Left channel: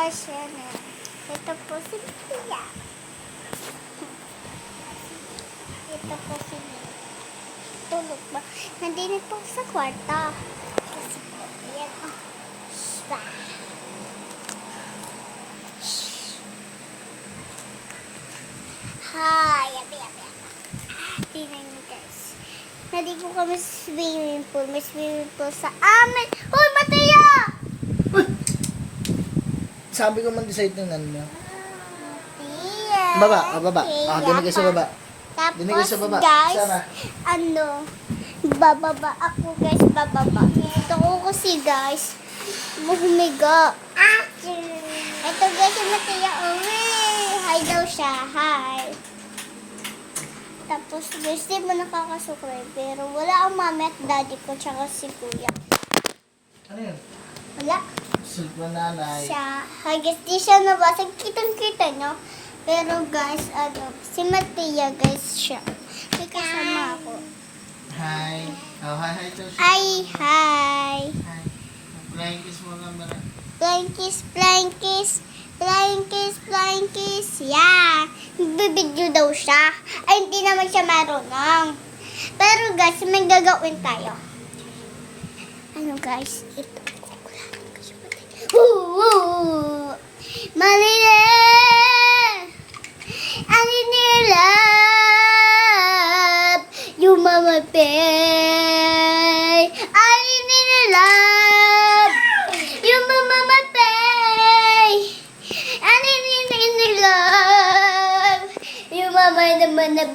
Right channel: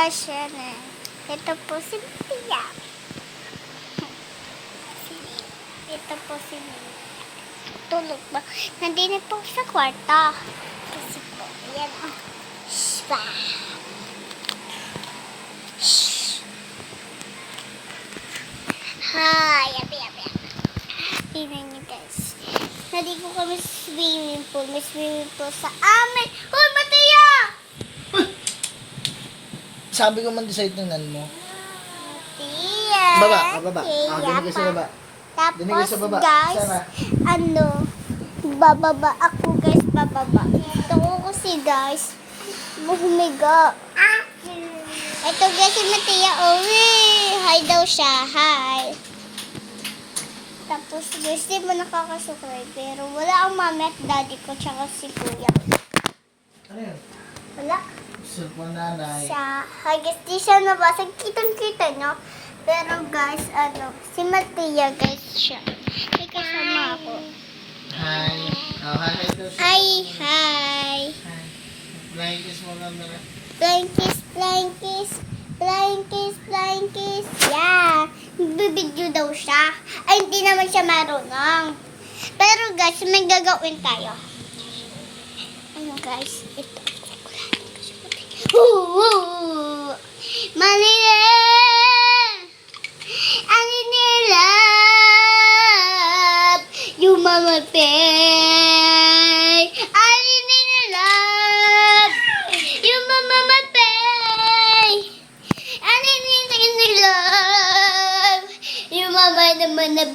guys, yan eh. Ito po si Pia. Ito po si Pia. Tulog ba? Nandito po sa kwarta. Kasi po, yan o. Hi, yabi. Happy na niyo guys. Nandito kami sa swimming pool. May swimming pool sa amin. Hoy, Mateo! Sabi ko man decide ng nan mo. Mateo! Baba. Dinig ka sa baba. Dinig ka Tapos sa baba. guys, Sana. bababa ako guys, bababa. Ito ko kasi guys, humiga. Ito guys, si Mateo, hi daw siya, hi. Tapos guys, di mo nakakasukray, pero wala ang mami at daddy ko, tsaka si kuya. Ano yun? Wala. Cellphone nanay. Siya, hi guys, di siya nabasag, kitang-kita nyo. Pero guys, si Mateo guys siya. May kasama ako. Hi. Oh, hi daw siya. Hi. Hi. Flying kiss mo lang na. Flying kiss. Yeah. Bibidyo daw siya. Ay, hindi naman siya marunong. Pero guys, may gagawin tayo. Ano guys? Ito. Malina! Ano nila? Yung mamatay. Ano nila? Yung mamamatay. Ano nila? Yung mama naman na